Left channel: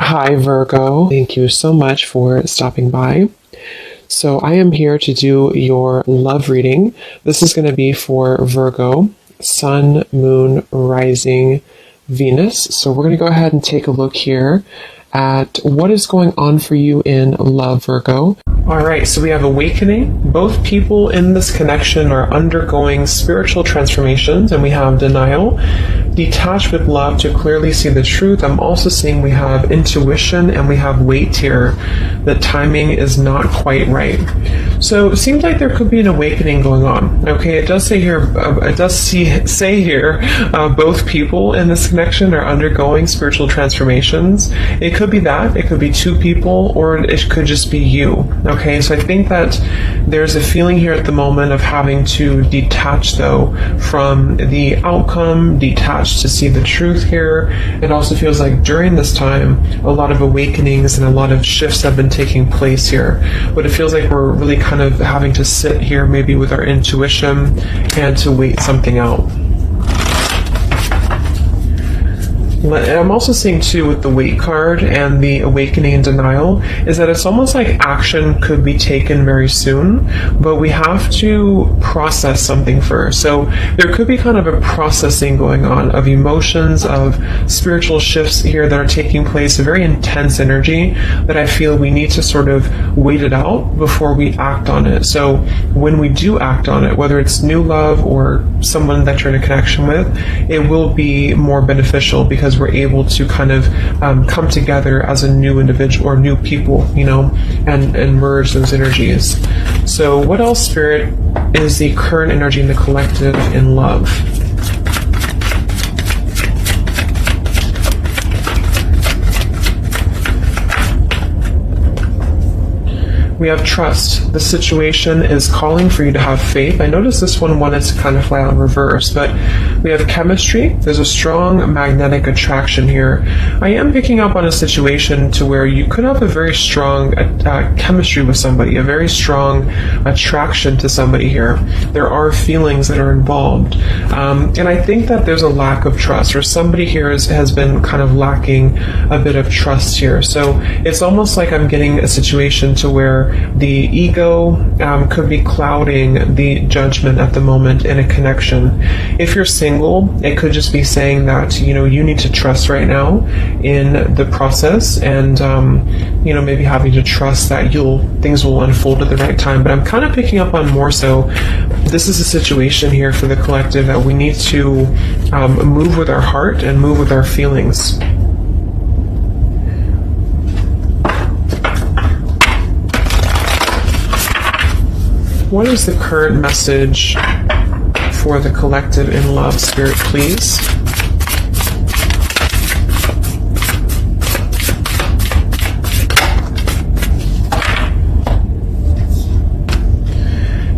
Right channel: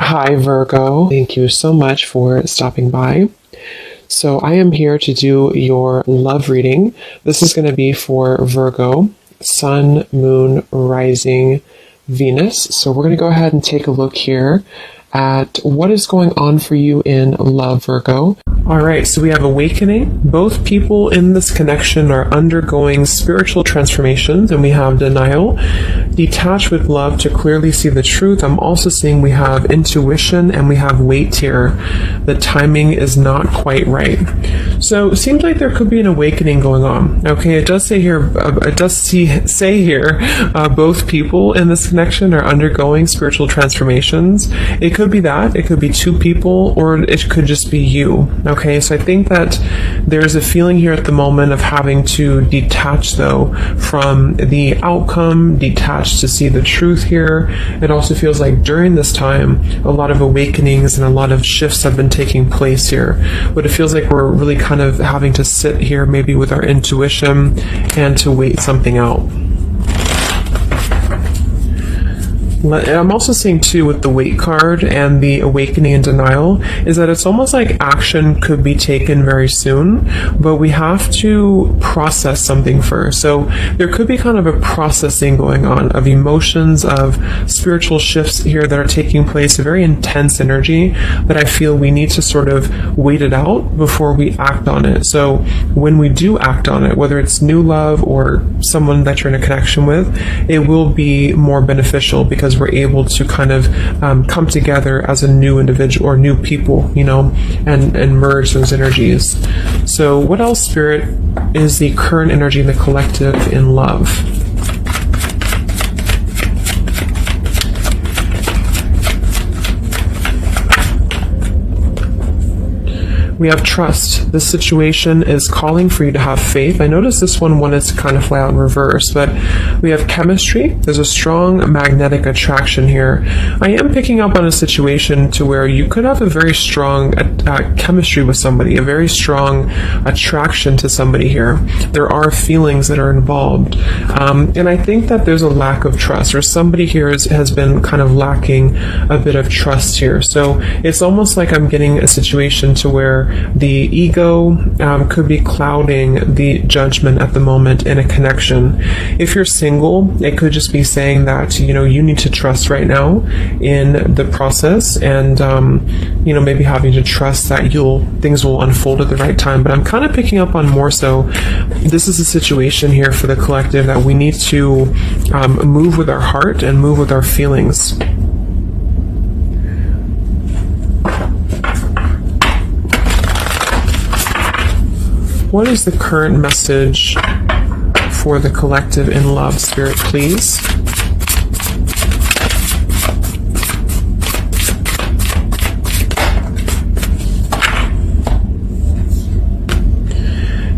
Hi, Virgo. Thank you so much for stopping by. So, I am here to do your love reading. This is going to be for Virgo, Sun, Moon, Rising, Venus. So, we're going to go ahead and take a look here at what is going on for you in love, Virgo. All right, so we have awakening. Both people in this connection are undergoing spiritual transformations, and we have denial. Detach with love to clearly see the truth. I'm also seeing we have intuition and we have wait here. The timing is not quite right. So it seems like there could be an awakening going on. Okay, it does say here, both people in this connection are undergoing spiritual transformations. It could be that. It could be two people, or it could just be you. Okay, so I think that there's a feeling here at the moment of having to detach, though, from the outcome, detach to see the truth here. It also feels like during this time, a lot of awakenings and a lot of shifts have been taking place here. But it feels like we're really kind of having to sit here maybe with our intuition and to wait something out. I'm also seeing too with the wait card and the awakening and denial is that it's almost like action could be taken very soon, but we have to process something first. So there could be kind of a processing going on of emotions, of spiritual shifts here that are taking place, a very intense energy that I feel we need to sort of wait it out before we act on it. So when we do act on it, whether it's new love or someone that you're in a connection with, it will be more beneficial because we're able to kind of come together as a new individual or new people, and merge those energies. So what else, Spirit, is the current energy in the collective in love? We have trust. This situation is calling for you to have faith. I noticed this one wanted to kind of fly out in reverse, but we have chemistry. There's a strong magnetic attraction here. I am picking up on a situation to where you could have a very strong chemistry with somebody, a very strong attraction to somebody here. There are feelings that are involved. And I think that there's a lack of trust, or somebody here has been kind of lacking a bit of trust here. So it's almost like I'm getting a situation to where the ego could be clouding the judgment at the moment in a connection. If you're single, it could just be saying that, you need to trust right now in the process and, maybe having to trust that things will unfold at the right time. But I'm kind of picking up on more so, this is a situation here for the collective that we need to move with our heart and move with our feelings. What is the current message for the collective in love, Spirit, please?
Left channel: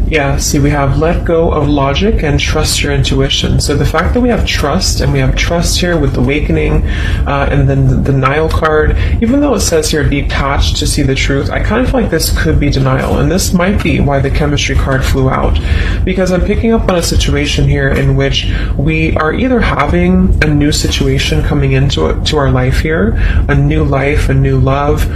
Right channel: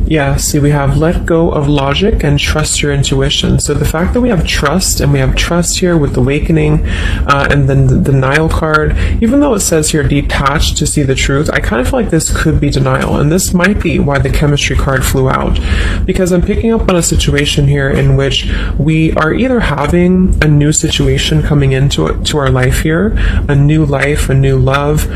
Yeah, see, we have let go of logic and trust your intuition. So the fact that we have trust, and we have trust here with awakening, and then the denial card, even though it says you're detached to see the truth, I kind of feel like this could be denial. And this might be why the chemistry card flew out. Because I'm picking up on a situation here in which we are either having a new situation coming into our life here, a new life, a new love,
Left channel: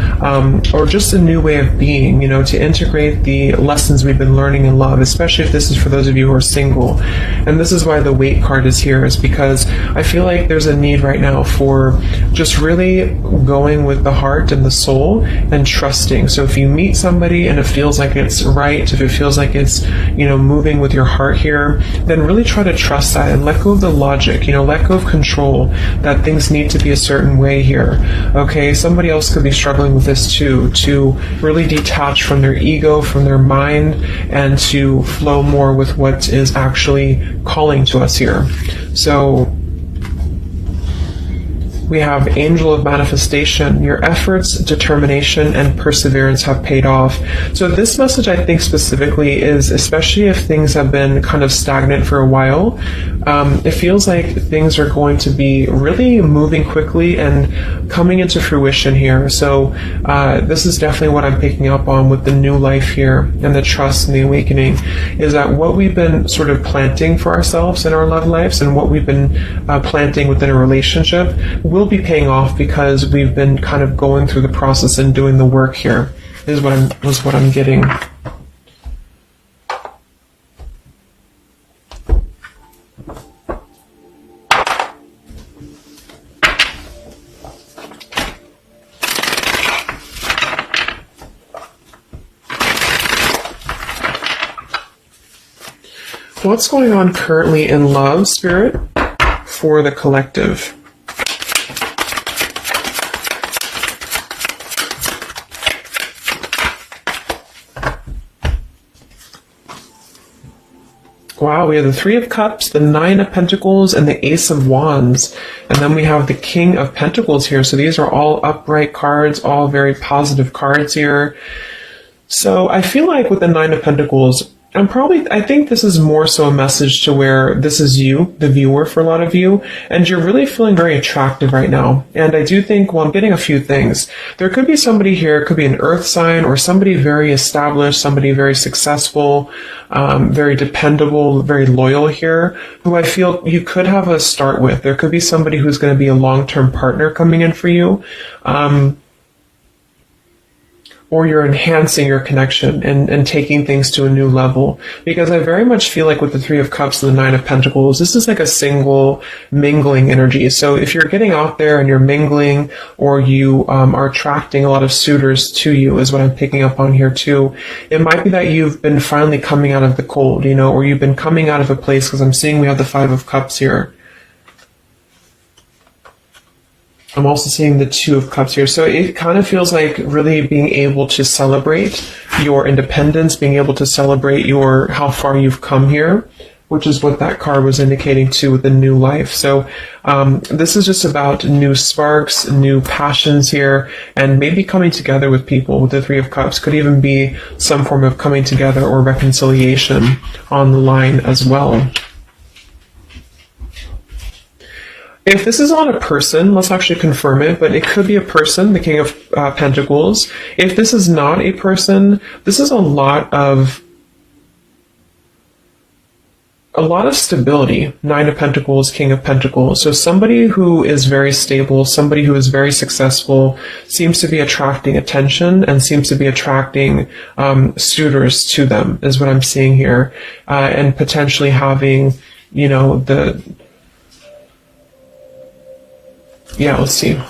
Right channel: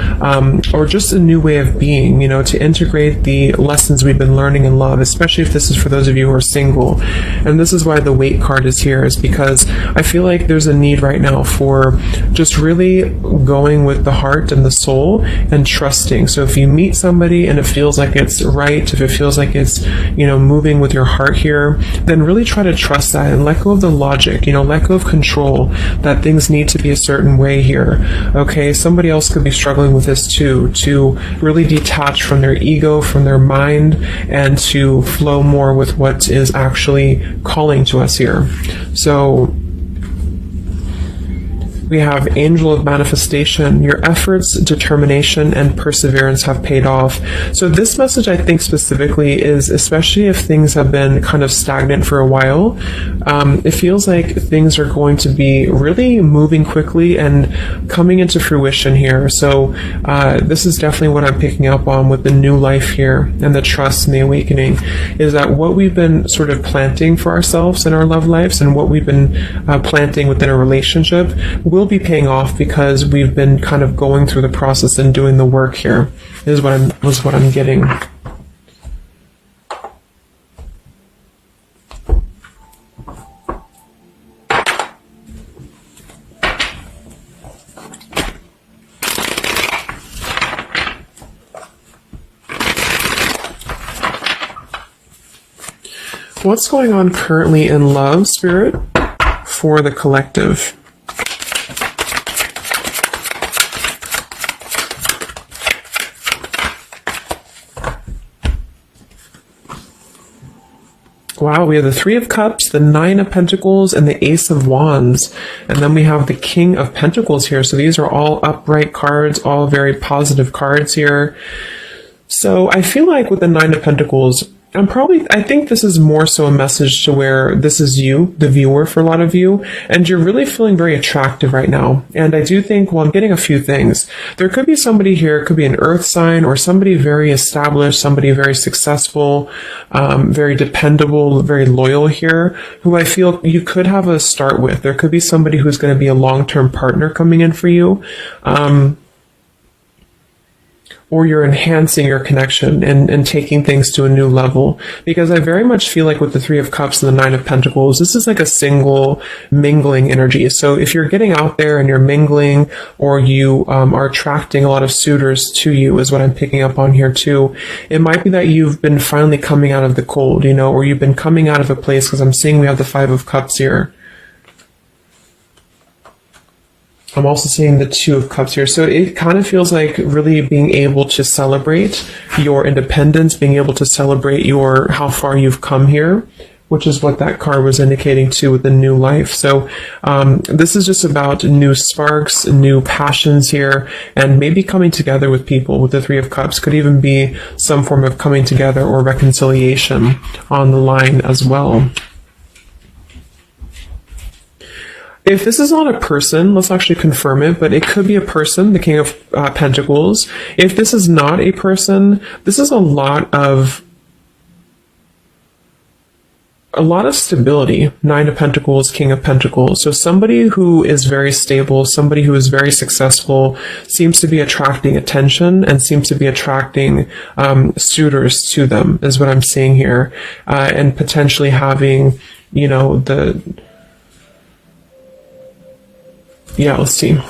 or just a new way of being, to integrate the lessons we've been learning in love, especially if this is for those of you who are single. And this is why the wait card is here, is because I feel like there's a need right now for just really going with the heart and the soul and trusting. So if you meet somebody and it feels like it's right, if it feels like it's, moving with your heart here, then really try to trust that and let go of the logic, let go of control, that things need to be a certain way here. Okay, somebody else could be struggling with this too, to really detach from their ego, from their mind, and to flow more with what is actually calling to us here. So we have Angel of Manifestation. Your efforts, determination, and perseverance have paid off. So this message, I think specifically, is especially if things have been kind of stagnant for a while, it feels like things are going to be really moving quickly and coming into fruition here. So this is definitely what I'm picking up on with the new life here and the trust and the awakening, is that what we've been sort of planting for ourselves in our love lives and what we've been planting within a relationship will be paying off because we've been kind of going through the process and doing the work here, is what I'm getting. What's going on currently in love, Spirit, for the collective? Wow, we have the Three of Cups, the Nine of Pentacles, and the Ace of Wands. And then we have the King of Pentacles here. So these are all upright cards, all very positive cards here. So I feel like with the Nine of Pentacles, I think this is more so a message to where this is you, the viewer, for a lot of you, and you're really feeling very attractive right now. And I do think, well, I'm getting a few things. There could be somebody here, it could be an earth sign, or somebody very established, somebody very successful, very dependable, very loyal here, who I feel you could have a start with. There could be somebody who's going to be a long-term partner coming in for you. Or you're enhancing your connection and taking things to a new level. Because I very much feel like with the Three of Cups and the Nine of Pentacles, this is like a single mingling energy. So if you're getting out there and you're mingling, or you are attracting a lot of suitors to you, is what I'm picking up on here too. It might be that you've been finally coming out of the cold, or you've been coming out of a place, because I'm seeing we have the Five of Cups here. I'm also seeing the Two of Cups here. So it kind of feels like really being able to celebrate your independence, being able to celebrate how far you've come here, which is what that card was indicating too with the new life. So this is just about new sparks, new passions here, and maybe coming together with people. With the Three of Cups could even be some form of coming together or reconciliation on the line as well. If this is not a person, let's actually confirm it, but it could be a person, the King of Pentacles. If this is not a person, this is a lot of stability. Nine of Pentacles, King of Pentacles. So somebody who is very stable, somebody who is very successful, seems to be attracting attention and seems to be attracting suitors to them, is what I'm seeing here. And potentially having, let's see.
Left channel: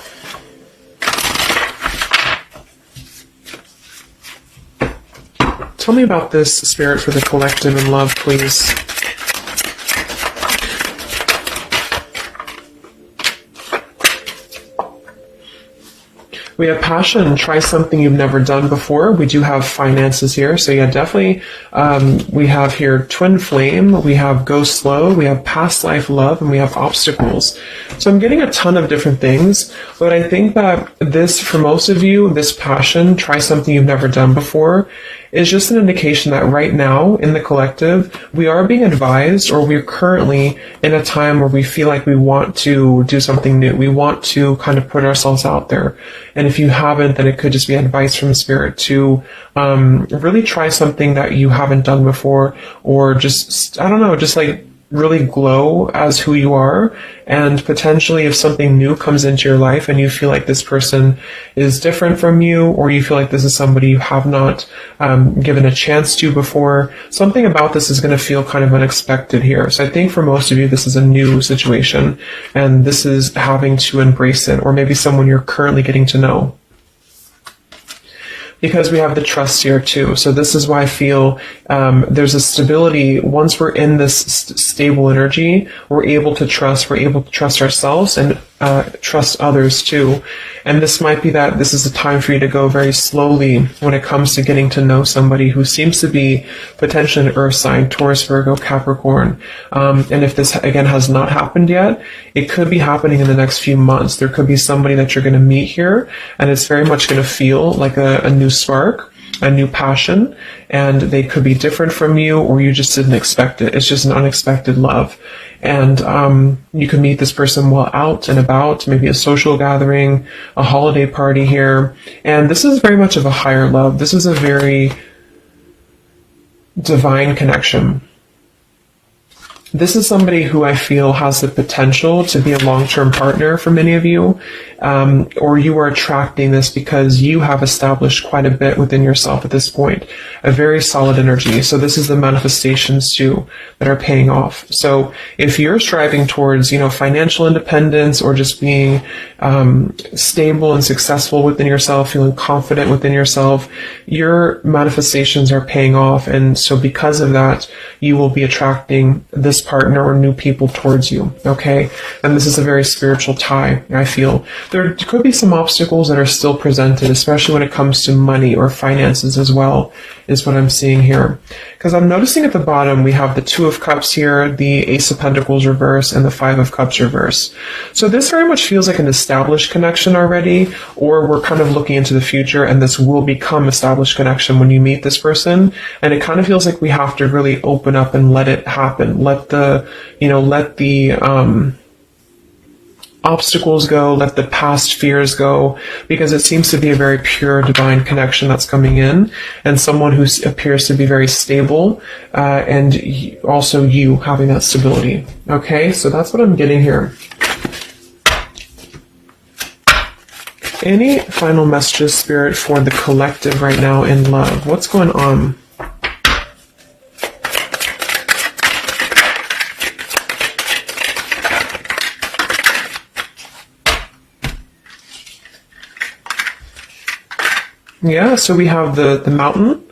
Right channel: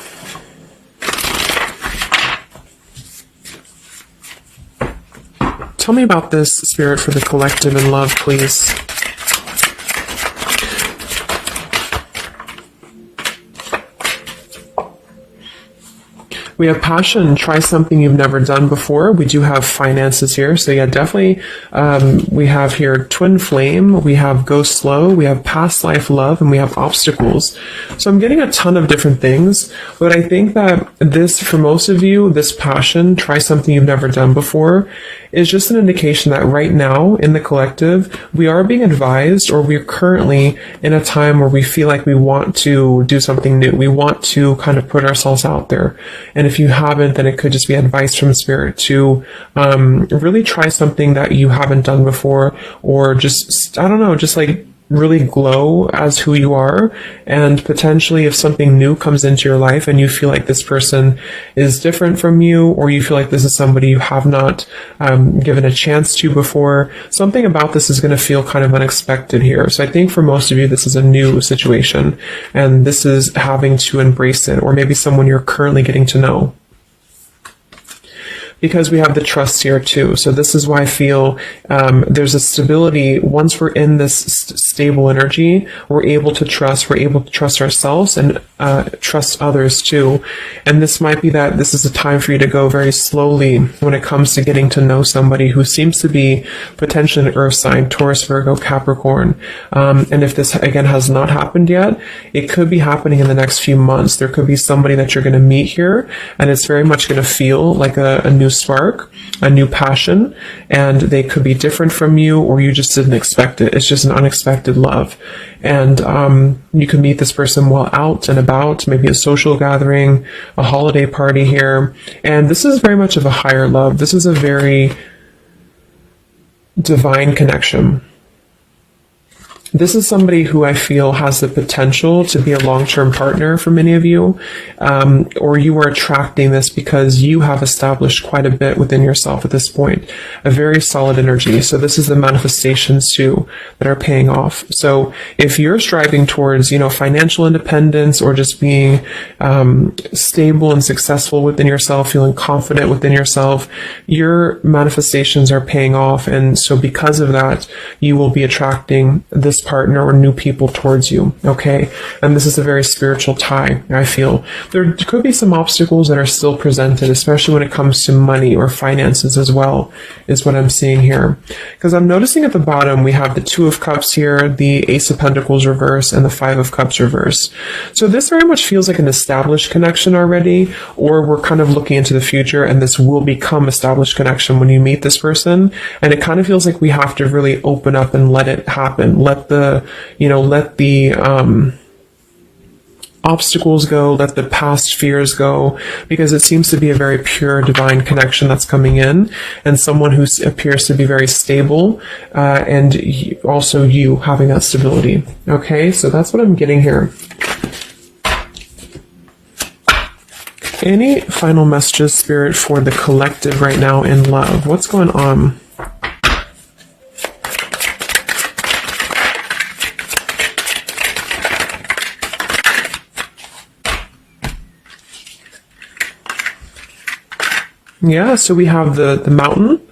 Tell me about this, Spirit, for the collective in love, please. We have passion. Try something you've never done before. We do have finances here. So yeah, definitely. We have here twin flame. We have go slow. We have past life love, and we have obstacles. So I'm getting a ton of different things, but I think that this, for most of you, this passion, try something you've never done before, is just an indication that right now in the collective, we are being advised, or we're currently in a time where we feel like we want to do something new. We want to kind of put ourselves out there. And if you haven't, then it could just be advice from Spirit to really try something that you haven't done before, or just, just like really glow as who you are. And potentially if something new comes into your life and you feel like this person is different from you, or you feel like this is somebody you have not given a chance to before, something about this is going to feel kind of unexpected here. So I think for most of you, this is a new situation, and this is having to embrace it, or maybe someone you're currently getting to know. Because we have the trust here too. So this is why I feel there's a stability. Once we're in this stable energy, we're able to trust ourselves and trust others too. And this might be that this is a time for you to go very slowly when it comes to getting to know somebody who seems to be potentially an earth sign, Taurus, Virgo, Capricorn. And if this, again, has not happened yet, it could be happening in the next few months. There could be somebody that you're going to meet here, and it's very much going to feel like a new spark, a new passion, and they could be different from you, or you just didn't expect it. It's just an unexpected love. And you can meet this person while out and about, maybe a social gathering, a holiday party here. And this is very much of a higher love. This is a very divine connection. This is somebody who I feel has the potential to be a long-term partner for many of you, or you are attracting this because you have established quite a bit within yourself at this point, a very solid energy. So this is the manifestations too that are paying off. So if you're striving towards, financial independence or just being stable and successful within yourself, feeling confident within yourself, your manifestations are paying off. And so because of that, you will be attracting this partner or new people towards you, okay? And this is a very spiritual tie, I feel. There could be some obstacles that are still presented, especially when it comes to money or finances as well, is what I'm seeing here. Because I'm noticing at the bottom, we have the Two of Cups here, the Ace of Pentacles reverse, and the Five of Cups reverse. So this very much feels like an established connection already, or we're kind of looking into the future, and this will become established connection when you meet this person. And it kind of feels like we have to really open up and let it happen. Let the obstacles go, let the past fears go, because it seems to be a very pure divine connection that's coming in, and someone who appears to be very stable, and also you having that stability. Okay, so that's what I'm getting here. Any final messages, Spirit, for the collective right now in love? What's going on? Yeah, so we have the mountain,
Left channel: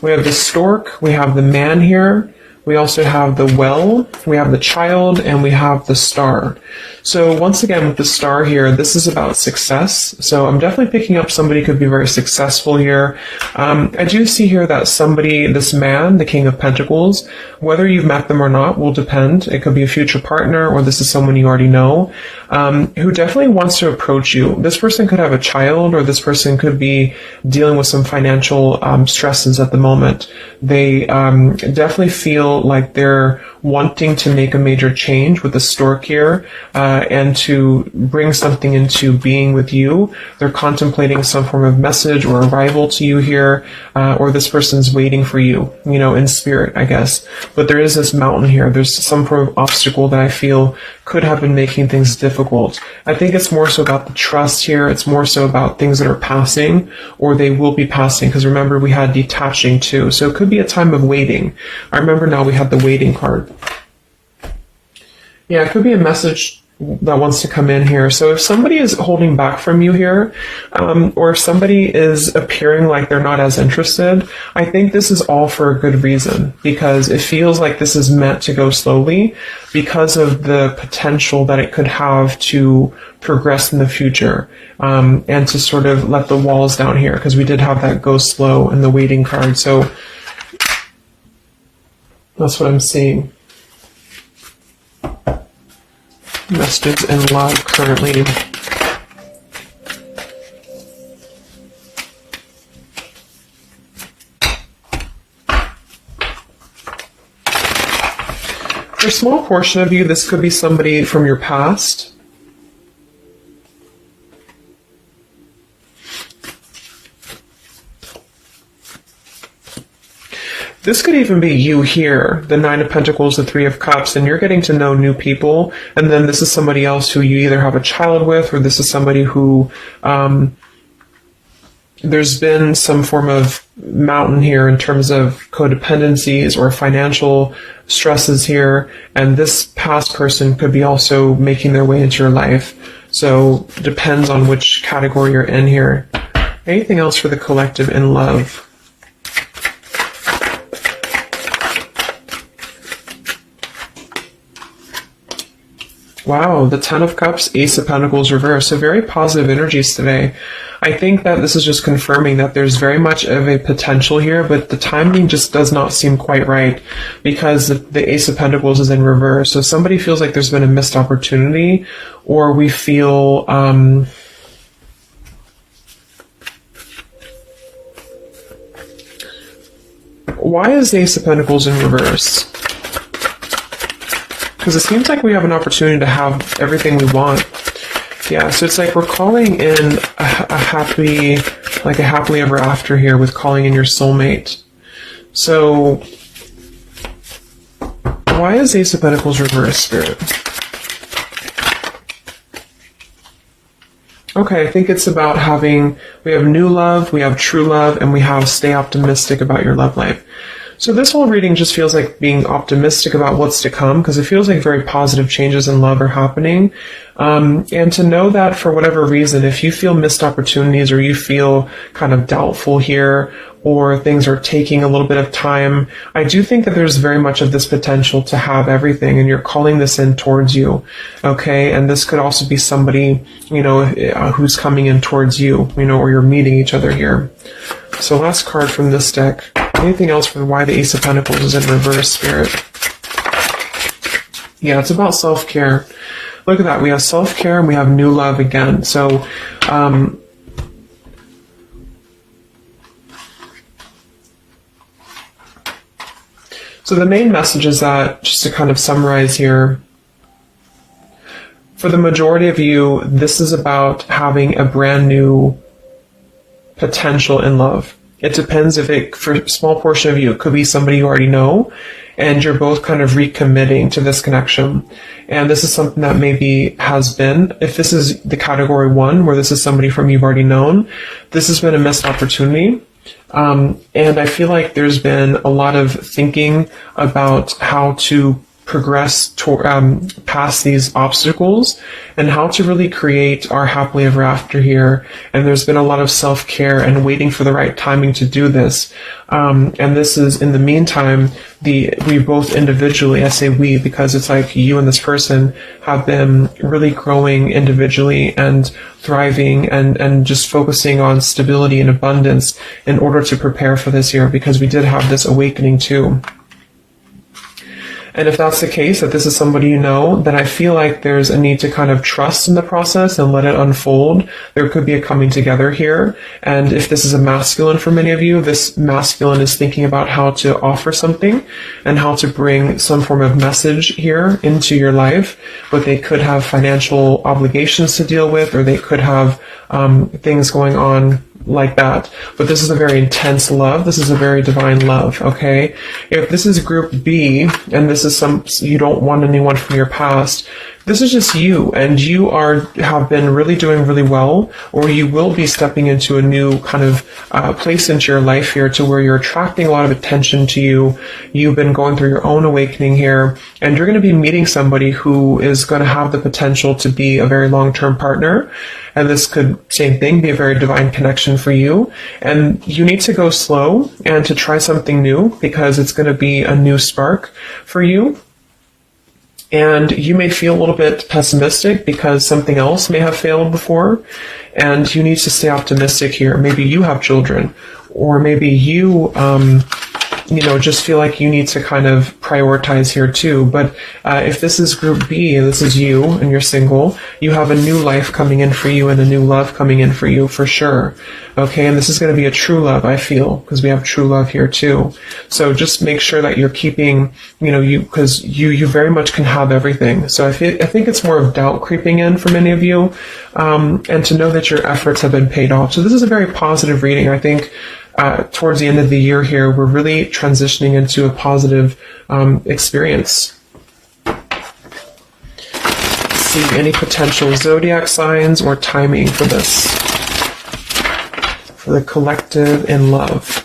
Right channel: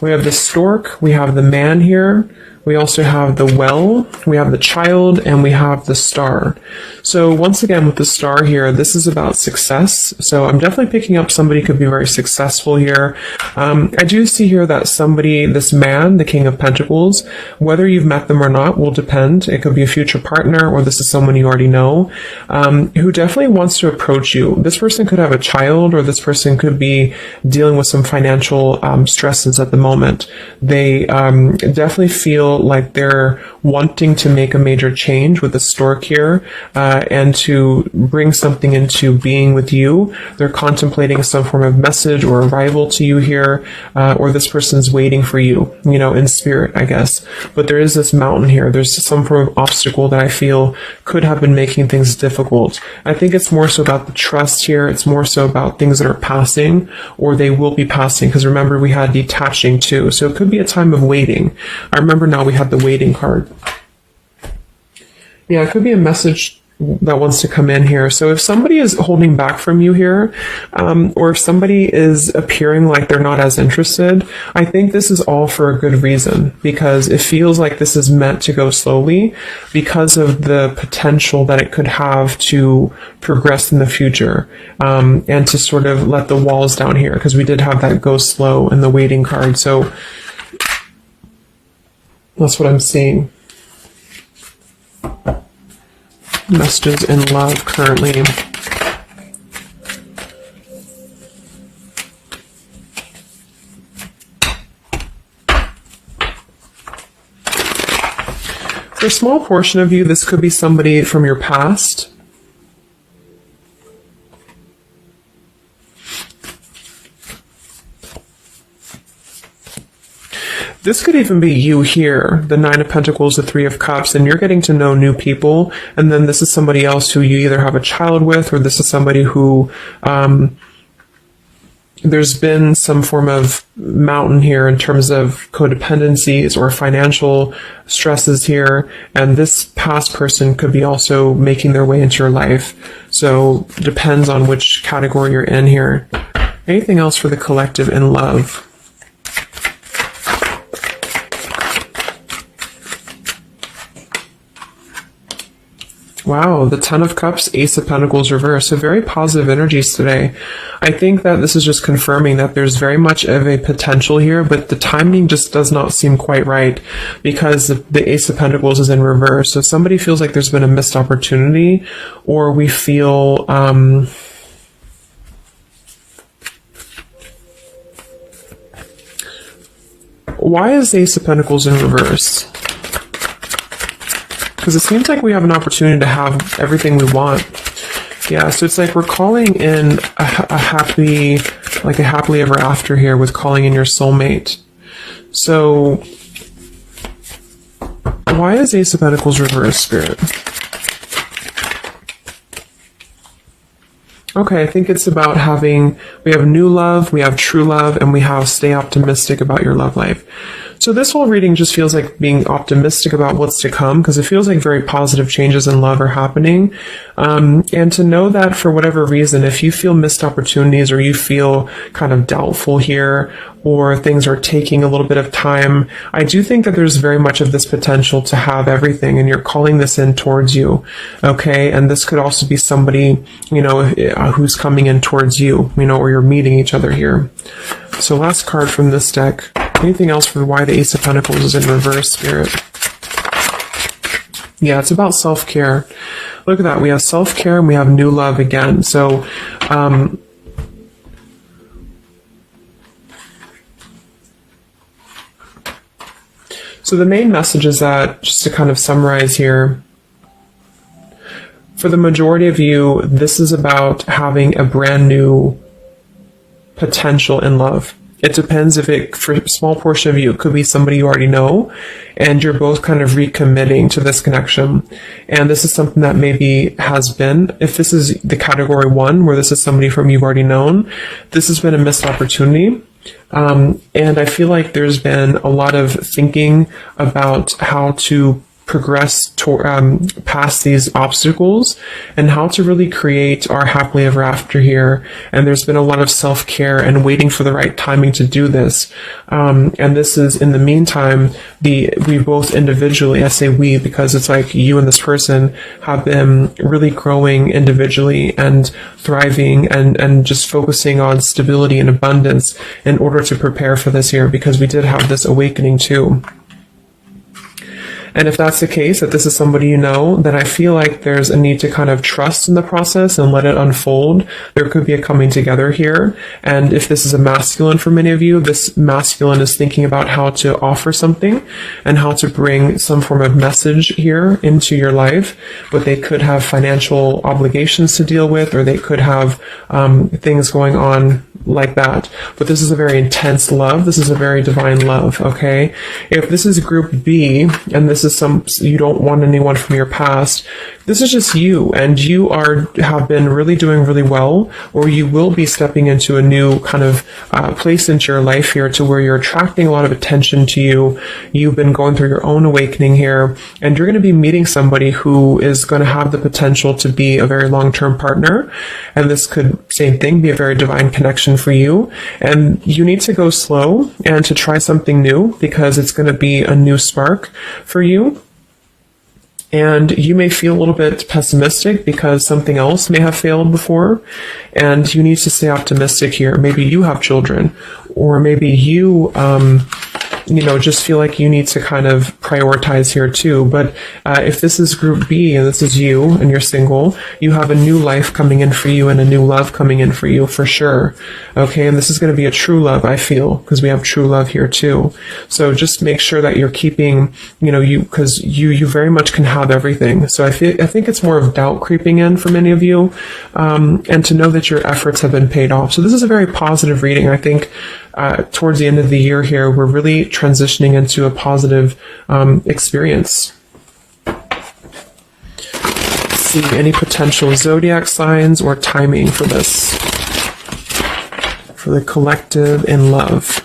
we have the stork, we have the man here, we also have the well, we have the child, and we have the star. So once again, with the star here, this is about success. So I'm definitely picking up somebody could be very successful here. I do see here that somebody, this man, the King of Pentacles, whether you've met them or not will depend. It could be a future partner, or this is someone you already know, who definitely wants to approach you. This person could have a child, or this person could be dealing with some financial stresses at the moment. They definitely feel like they're wanting to make a major change with the stork here, and to bring something into being with you. They're contemplating some form of message or arrival to you here, or this person's waiting for you, in spirit, I guess. But there is this mountain here. There's some form of obstacle that I feel could have been making things difficult. I think it's more so about the trust here. It's more so about things that are passing, or they will be passing, because remember, we had detaching too. So it could be a time of waiting. I remember now we had the waiting card. Yeah, it could be a message that wants to come in here. So if somebody is holding back from you here, or if somebody is appearing like they're not as interested, I think this is all for a good reason, because it feels like this is meant to go slowly because of the potential that it could have to progress in the future, and to sort of let the walls down here, because we did have that go slow in the waiting card. So that's what I'm seeing. Messages in love currently. For a small portion of you, this could be somebody from your past. This could even be you here, the Nine of Pentacles, the Three of Cups, and you're getting to know new people, and then this is somebody else who you either have a child with, or this is somebody who there's been some form of mountain here in terms of codependencies or financial stresses here, and this past person could be also making their way into your life. So it depends on which category you're in here. Anything else for the collective in love? Wow, the Ten of Cups, Ace of Pentacles reverse. So very positive energies today. I think that this is just confirming that there's very much of a potential here, but the timing just does not seem quite right, because the Ace of Pentacles is in reverse. So somebody feels like there's been a missed opportunity, or we feel why is the Ace of Pentacles in reverse? Because it seems like we have an opportunity to have everything we want. Yeah, so it's like we're calling in a happily ever after here, with calling in your soulmate. So Why is Ace of Pentacles reversed, Spirit? Okay, I think it's about we have new love, we have true love, and we have stay optimistic about your love life. So this whole reading just feels like being optimistic about what's to come, because it feels like very positive changes in love are happening. And to know that for whatever reason, if you feel missed opportunities or you feel kind of doubtful here, or things are taking a little bit of time, I do think that there's very much of this potential to have everything, and you're calling this in towards you, okay? And this could also be somebody, who's coming in towards you, or you're meeting each other here. So last card from this deck. Anything else from why the Ace of Pentacles is in reverse, Spirit? Yeah, it's about self-care. Look at that. We have self-care and we have new love again. So, so the main message is that, just to kind of summarize here, for the majority of you, this is about having a brand new potential in love. It depends for a small portion of you, it could be somebody you already know, and you're both kind of recommitting to this connection. And this is something that maybe has been, if this is the category 1, where this is somebody from you've already known, this has been a missed opportunity. And I feel like there's been a lot of thinking about how to progress past these obstacles and how to really create our happily ever after here. And there's been a lot of self-care and waiting for the right timing to do this. And this is, in the meantime, we both individually, I say we because it's like you and this person have been really growing individually and thriving and just focusing on stability and abundance in order to prepare for this year, because we did have this awakening too. And if that's the case, that this is somebody you know, then I feel like there's a need to kind of trust in the process and let it unfold. There could be a coming together here. And if this is a masculine for many of you, this masculine is thinking about how to offer something and how to bring some form of message here into your life. But they could have financial obligations to deal with, or they could have things going on like that. But this is a very intense love. This is a very divine love, okay? If this is group B, and this is you don't want anyone from your past, this is just you, and you have been really doing really well, or you will be stepping into a new kind of place into your life here, to where you're attracting a lot of attention to you. You've been going through your own awakening here, and you're going to be meeting somebody who is going to have the potential to be a very long-term partner. And this could, same thing, be a very divine connection for you. And you need to go slow and to try something new, because it's going to be a new spark for you. And you may feel a little bit pessimistic because something else may have failed before, and you need to stay optimistic here. Maybe you have children, or maybe you, just feel like you need to kind of prioritize here too. But if this is group B and this is you and you're single, you have a new life coming in for you and a new love coming in for you for sure. Okay, and this is going to be a true love, I feel, because we have true love here too. So just make sure that you're keeping, because you very much can have everything. So I think it's more of doubt creeping in for many of you, and to know that your efforts have been paid off. So this is a very positive reading. I think towards the end of the year here, we're really transitioning into a positive experience. Let's see, any potential zodiac signs or timing for this, for the collective in love.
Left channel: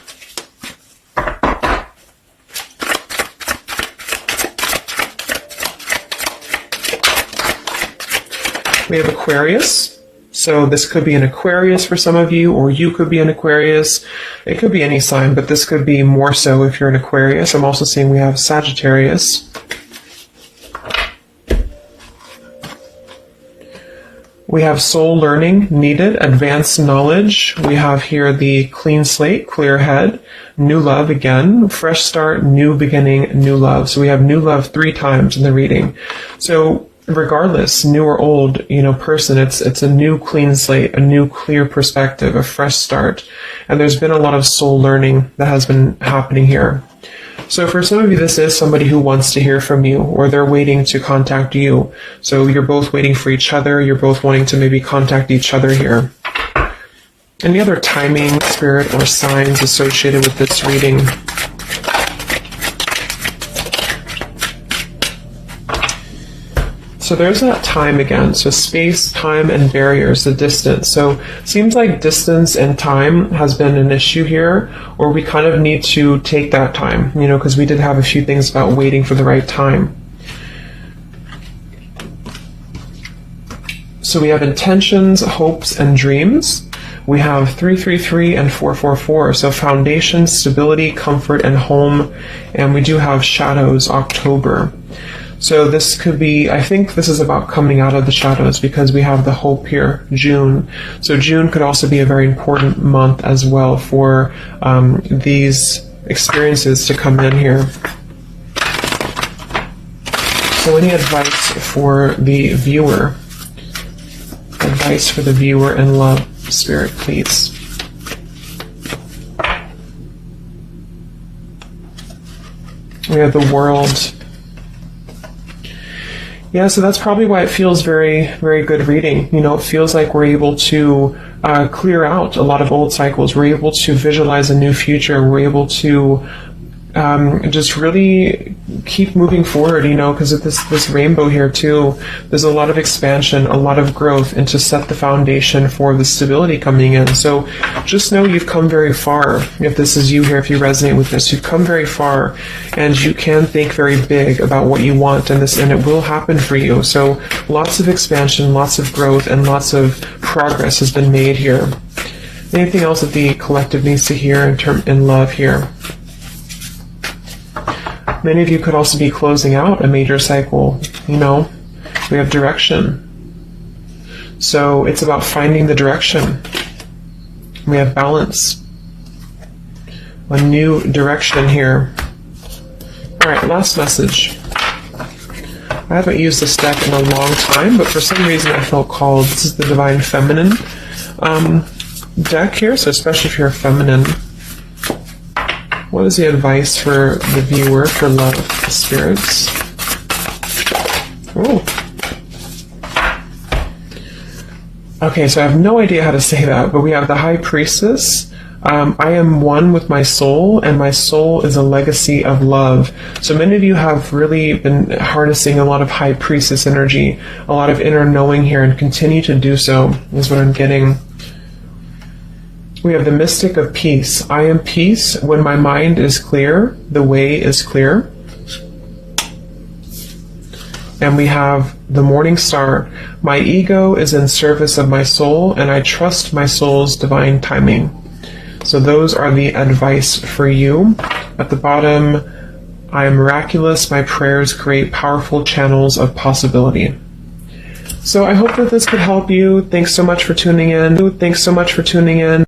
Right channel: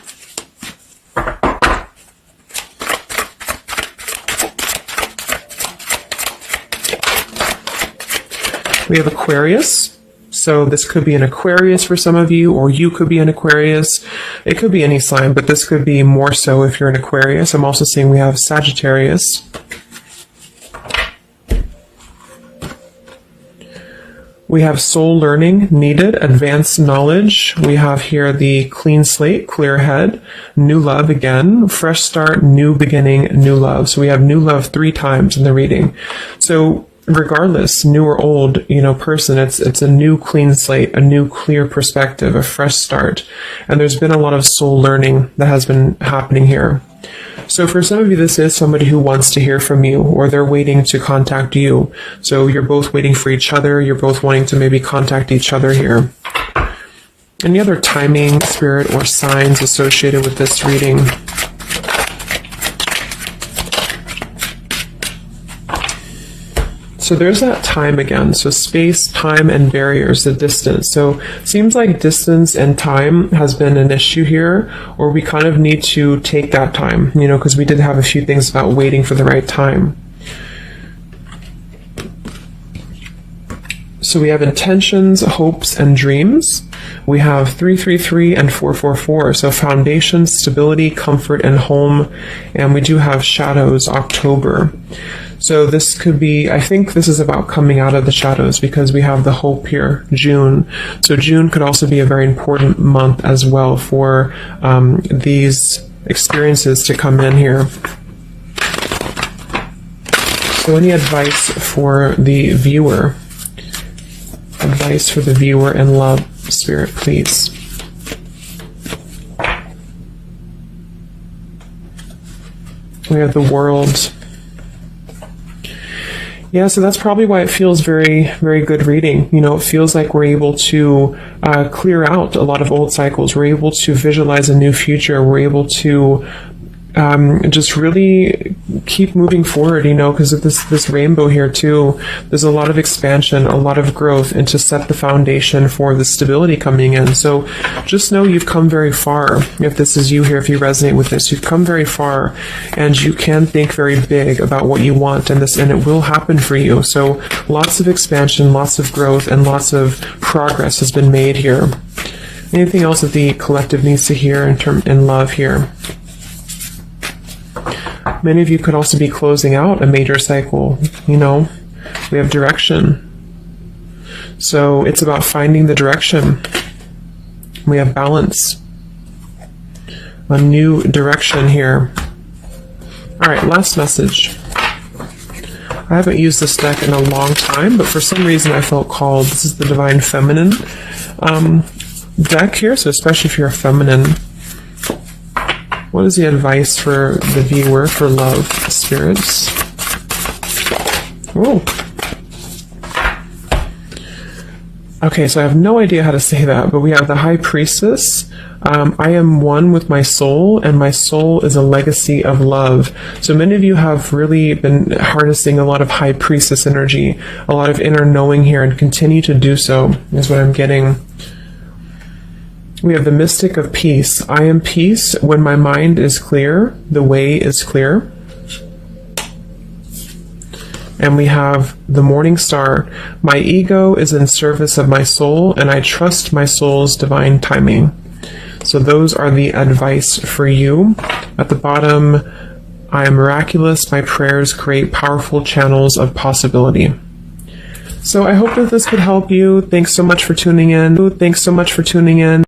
We have Aquarius. So this could be an Aquarius for some of you, or you could be an Aquarius. It could be any sign, but this could be more so if you're an Aquarius. I'm also seeing we have Sagittarius. We have soul learning needed, advanced knowledge. We have here the clean slate, clear head, new love again, fresh start, new beginning, new love. So we have new love 3 times in the reading. So regardless, new or old, person, it's a new clean slate, a new clear perspective, a fresh start. And there's been a lot of soul learning that has been happening here. So for some of you, this is somebody who wants to hear from you, or they're waiting to contact you. So you're both waiting for each other. You're both wanting to maybe contact each other here. Any other timing, spirit, or signs associated with this reading? So there's that time again. So space, time, and barriers, the distance. So seems like distance and time has been an issue here, where we kind of need to take that time, you know, because we did have a few things about waiting for the right time. So we have intentions, hopes, and dreams. We have 333 and 444. So foundation, stability, comfort, and home. And we do have shadows, October. So this could be, I think this is about coming out of the shadows, because we have the hope here, June. So June could also be a very important month as well for these experiences to come in here. So any advice for the viewer? Advice for the viewer in love, Spirit, please. We have the World. Yeah, so that's probably why it feels very, very good reading. You know, it feels like we're able to clear out a lot of old cycles. We're able to visualize a new future. We're able to just really keep moving forward, you know, because of this rainbow here too. There's a lot of expansion, a lot of growth, and to set the foundation for the stability coming in. So just know you've come very far. If this is you here, if you resonate with this, you've come very far, and you can think very big about what you want, and it will happen for you. So lots of expansion, lots of growth, and lots of progress has been made here. Anything else that the collective needs to hear in love here? Many of you could also be closing out a major cycle, you know. We have direction. So it's about finding the direction. We have balance. A new direction here. Alright, last message. I haven't used this deck in a long time, but for some reason I felt called. This is the Divine Feminine deck here, so especially if you're feminine. What is the advice for the viewer for love, spirits? Ooh. Okay, so I have no idea how to say that, but we have the High Priestess. I am one with my soul, and my soul is a legacy of love. So many of you have really been harnessing a lot of High Priestess energy, a lot of inner knowing here, and continue to do so, is what I'm getting. We have the Mystic of Peace. I am peace. When my mind is clear, the way is clear. And we have the Morning Star. My ego is in service of my soul, and I trust my soul's divine timing. So those are the advice for you. At the bottom, I am miraculous. My prayers create powerful channels of possibility. So I hope that this could help you. Thanks so much for tuning in.